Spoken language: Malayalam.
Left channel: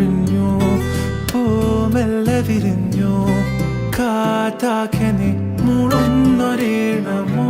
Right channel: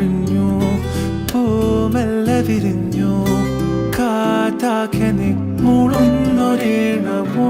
കാർമേഘമൊഴിഞ്ഞു പൂമെല്ലെ വിരിഞ്ഞു കാറ്റാകെ നീ മുളുന്നൊരീണമോ